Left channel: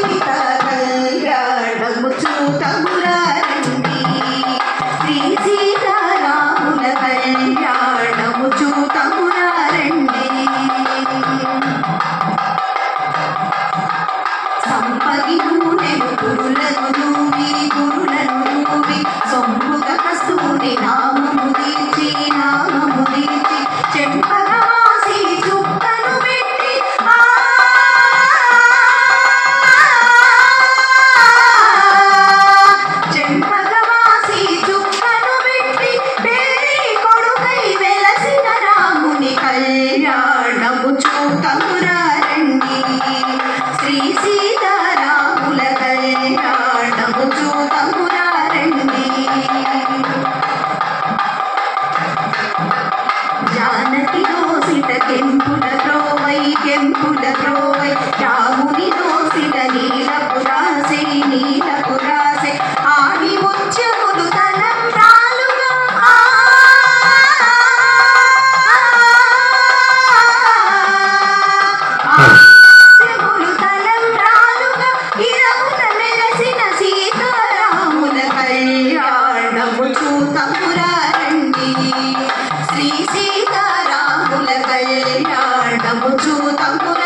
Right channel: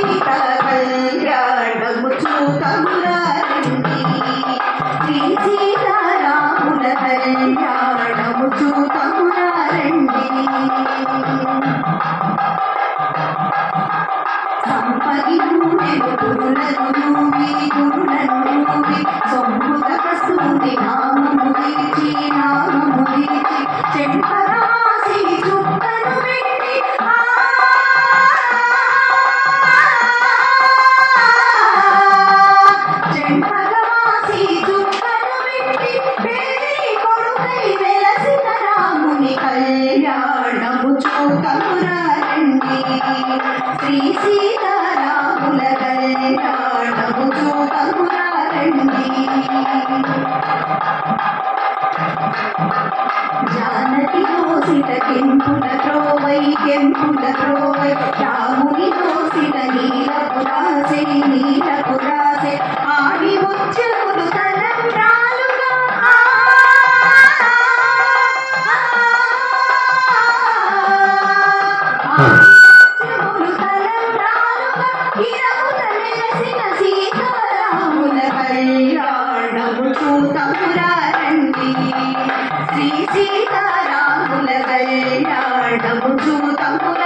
సీతా కళ్యాణము చూతమురారండి శ్రీ సీతారాముల కళ్యాణము చూతమురారండి సంపగి నూనెను గురులను నూవి సొమ్ముగ కస్తూరి నామము దీర్చి చెంపగవాసి చుక్కను పెట్టి చెంపగవాసి చుక్కను పెట్టి పేరి కొడుకై వెలసిన రాముని కళ్యాణము చూతమురారండి శ్రీ సీతారాముల కళ్యాణము చూతమురారండి జానకి దోసిట కెంపుల త్రోవై రాముని దోసిట నీలపు రాసే ఆడి ముత్యములు తలంబ్రాలుగా ముత్యములు తలంబ్రాలుగా ఇరమున మెరసిన సీతారాముల కళ్యాణము చూతమురారండి శ్రీ సీతారాముల కళ్యాణము చూతమురారండి